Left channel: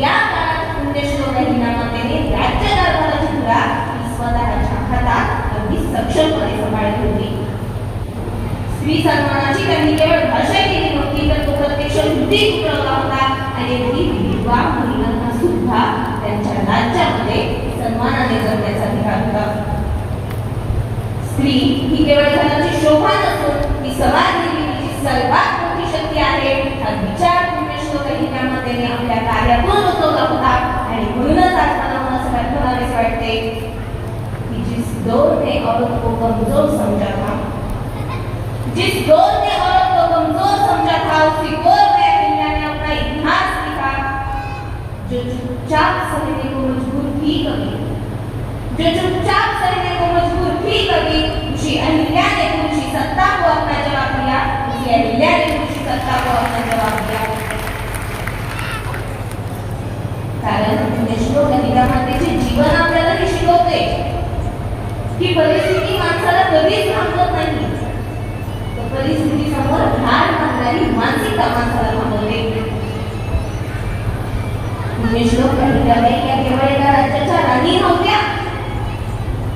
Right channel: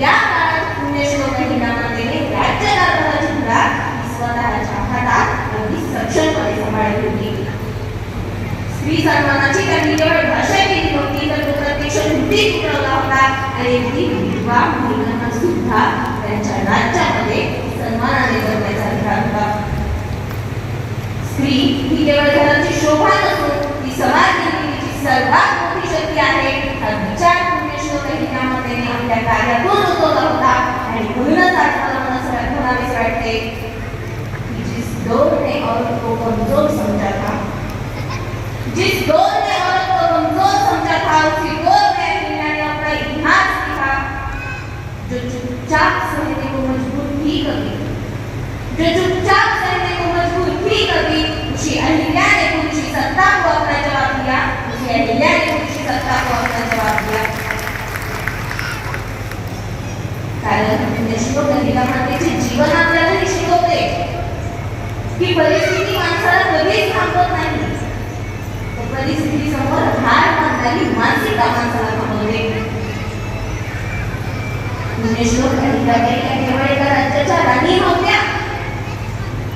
या काळात पुण्यश्लोक हिनामातेने चुपचाप सहने को मजबूर ही कभी, जो चुपचाप सहने को मजबूर ही कभी, उसी अहिल्या ने उनकी सत्ता को अपना जवाब दिया, उसी अहिल्या ने उनकी सत्ता को अपना जवाब दिया। कारण पुण्यश्लोक अहिल्या मातेचे जीवन आपल्याला शिकवते की परिस्थिती माणसाला कधीच थांबवत नाही, तर परिस्थिती समोर हार मानणारी मानसिकता माणसाला थांबवते। पुण्यश्लोक अहिल्याबाई या केवळ एका राज्याच्या राणी नव्हत्या,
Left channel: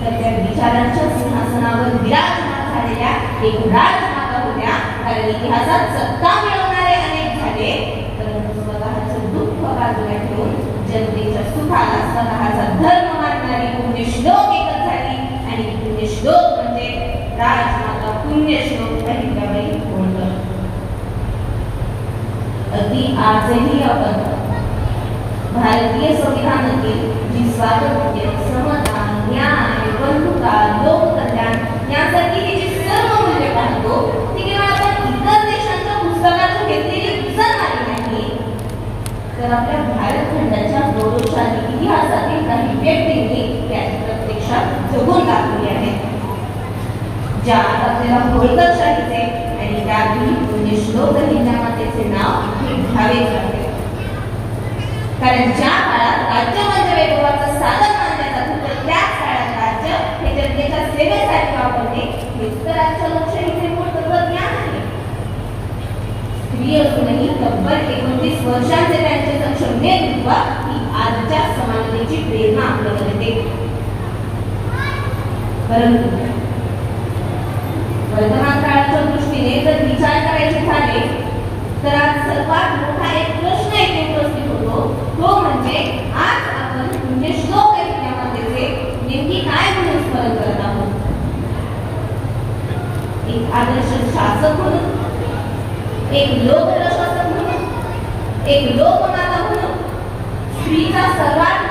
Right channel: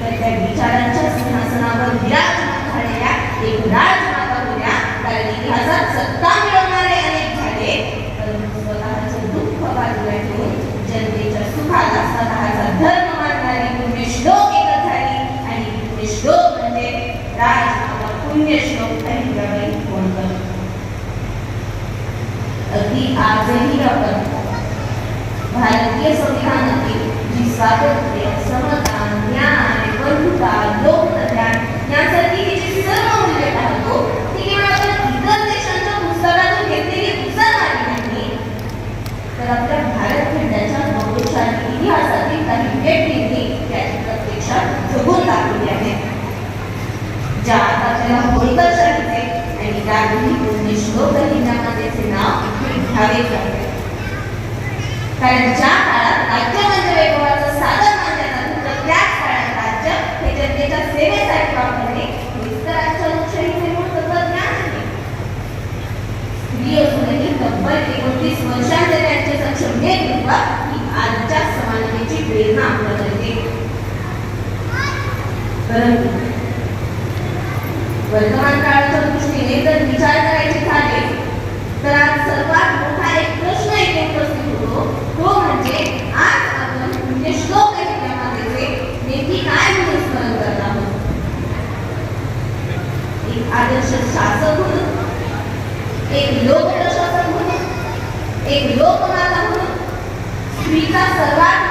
तर त्या विचारांच्या सिंहासनावर विराजमान झालेल्या एक राजमाता होत्या। कारण इतिहासात सत्ता मिळवणारे अनेक झाले, परंतु स्वतःचं दुःख बाजूला ठेवून जनतेच्या सुखाला स्वतःचा धर्म मानणारी पुण्यश्लोक एकच झाली, आणि पुण्यश्लोक म्हणजे राजमाता पुण्यश्लोक अहिल्याबाई होळकर। अगदी आजही आपण भारतीय संविधानातील जी स्वातंत्र्य, समता, न्याय, बंधुता, लोककल्याण यासारखी जी सर्व मूल्ये पाहतो ती केवळ आपण इतर देशांच्या पुस्तकातून घेतलेली पुस्तक नाही, तर आपल्या भारत खंडाच्या गौरवशाली इतिहासातील काही व्यक्तींनी त्याची प्रत्यक्षात जगून दाखवली आहे, ज्या आपल्याला होळकरशाहीचे आणि त्यावेळी पुण्यश्लोक अहिल्यामातेचे नाव घ्यावेच लागते। कारण ज्या काळात राज्य म्हणजे वैभवाचं साधन मानलं जात होतं, त्याच काळात राज्य हे जनतेच्या सेवेसाठी वापरणे हेच तर आजच्या लोकशाहीचे मूळ तत्त्वज्ञान आहे। स्त्री असूनही तब्बल 29 वर्षांचे त्यांचे सक्षम नेतृत्व ही आजच्या समानतेची प्रेरणा आपल्याला देते। परंतु वर्तमान काळाच्या दृष्टीने जर विचार करायचे झाले तर आज सर्वात मोठा एक प्रश्न येथे उपस्थित होतो, तो म्हणजे आज आपण पुण्यश्लोक अहिल्यामातेचे नेमकी काय म्हणून स्मरण करत आहोत। एक आदर्श शासक म्हणून, एक लोकप्रशासक म्हणून, एक लोकमाता म्हणून, स्त्रीचा सर्वात